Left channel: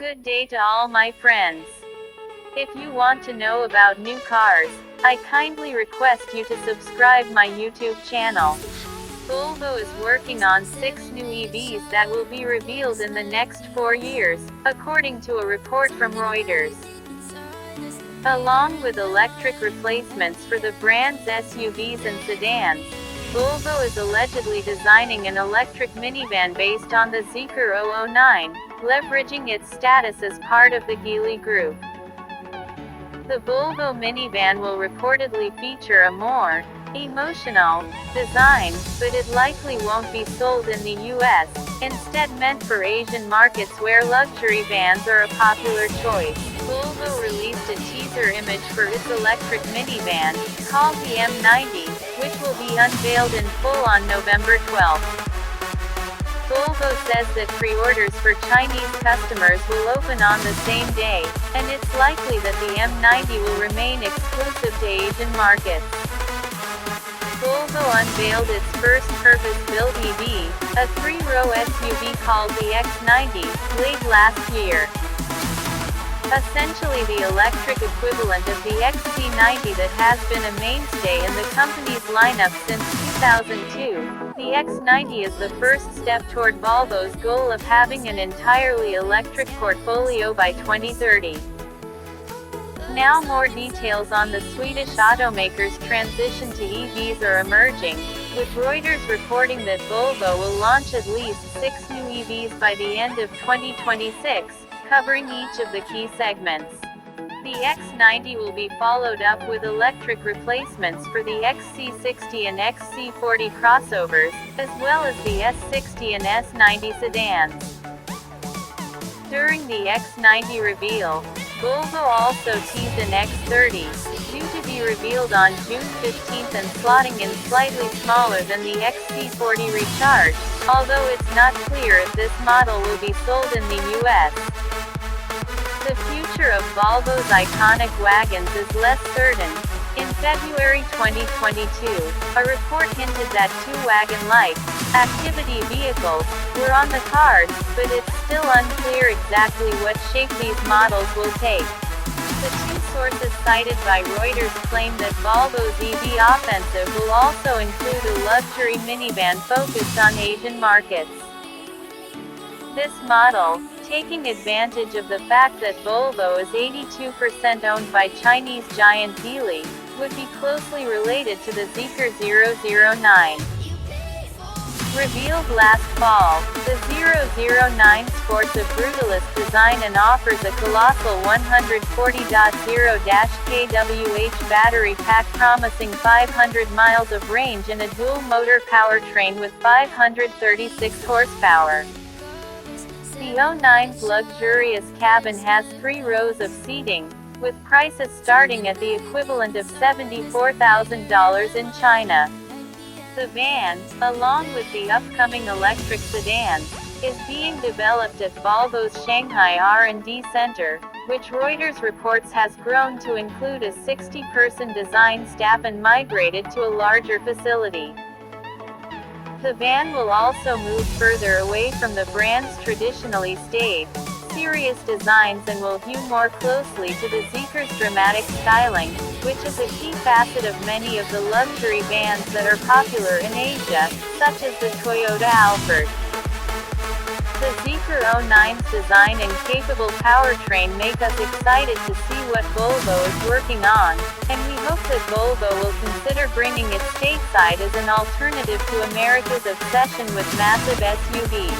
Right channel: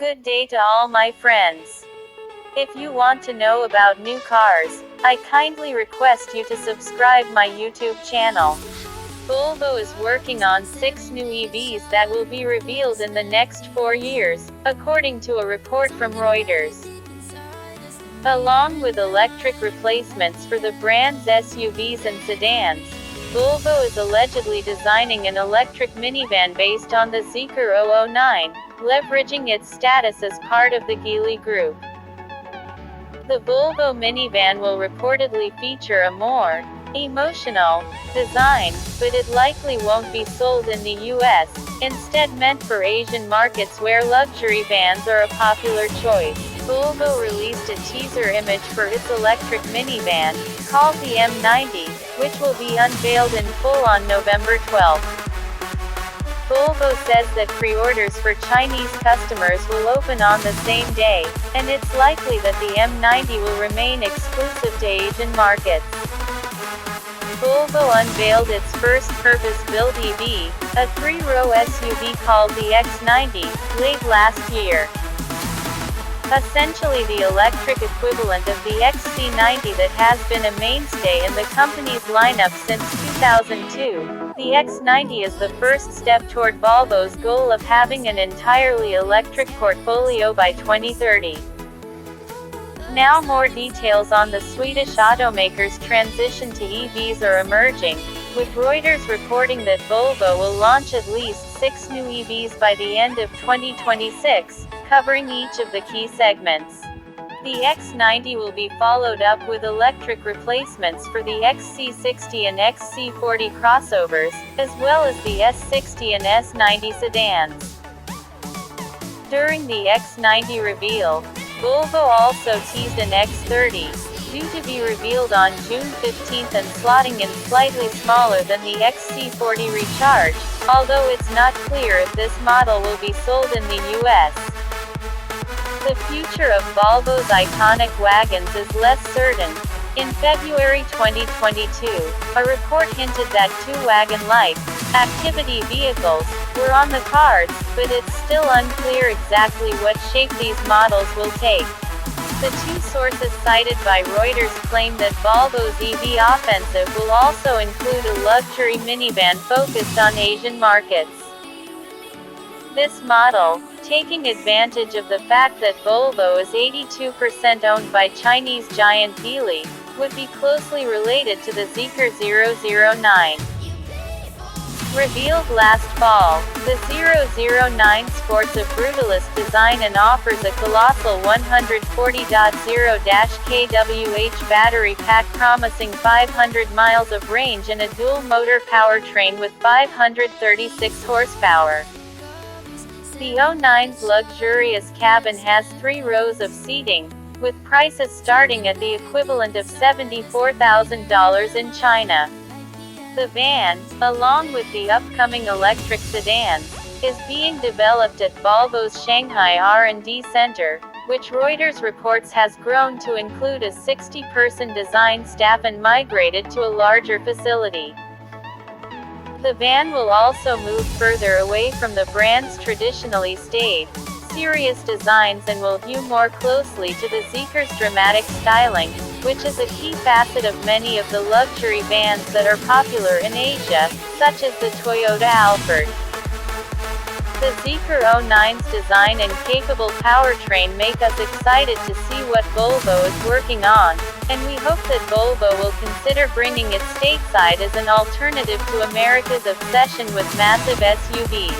Good day to all my friends. If you want to know about new cars, I kindly request you to subscribe my YouTube channel. Volvo is working on 6 new EVs that will be revealed in the next 4 years, according to a report from Reuters. Along with electric replacements for the brand's SUVs and sedans, Volvo is allegedly designing an electric minivan based on the Zeekr 009, leveraging its status as part of the Geely Group. The Volvo minivan will reportedly feature a more emotional design, but it likely won't be sold in the US, instead meant for Asian markets where luxury vans are a popular choice. Volvo released a teaser image for its electric minivan, called the M90, which will be unveiled in full on November 12. Volvo says that pre-orders for Chinese customers will open on the same day, and it's likely that the M90 will remain exclusive to Asian markets. Volvo unveiled its first purpose-built EV, a 3-row SUV called the X90, late last year. Essentially the electric equivalent of the XC90 that has been a mainstay in the company's lineup since 2002. The X90 is the first step toward Volvo's goal of having an entirely electric portfolio by 2030. Now more details on the Swedish automaker's transition to EVs are emerging, with Reuters reporting that Volvo will launch at least 6 new EVs by the end of 2026, covering each of the key segments. The X90 will be followed up with electric replacements for the XC60 and XC40 crossovers, as well as the S60 and S90 sedans. During the X90 reveal, Volvo also teased an X30, due to be revealed on June 15 and slotting in slightly smaller than the XC40 Recharge, although it's not clear if this model will be sold in the US. The future of Volvo's iconic wagons is less certain. In February 2022, a report hinted that 2 wagon-like activity vehicles were on the cards, but it's still unclear exactly what shape these models will take. The 2 sources cited by Reuters claim that Volvo's EV offensive will also include a luxury minivan focused on Asian markets. This model, taking advantage of the fact that Volvo is 82% owned by Chinese giant Geely, would be closely related to the Zeekr 009. Revealed last fall, the 009 sports a brutalist design and offers a colossal 140.0-kWh battery pack promising 500 miles of range and a dual-motor powertrain with 536 horsepower. The 09's luxurious cabin has 3 rows of seating, with prices starting at the equivalent of $74,000 in China. The van, along with the upcoming electric sedan, is being developed at Volvo's Shanghai R&D Center, which Reuters reports has grown to include a 60-person design staff and migrated to a larger facility. The van will also move further away from the brand's traditionally staid, serious designs and will hew more closely to the Zeekr's dramatic styling, which is a key facet of many of the luxury vans that are popular in Asia, such as the Toyota Alphard. The Zeekr 09's design and capable powertrain make us excited to see what Volvo is working on, and we hope that Volvo will consider bringing it stateside as an alternative to America's obsession with massive SUVs.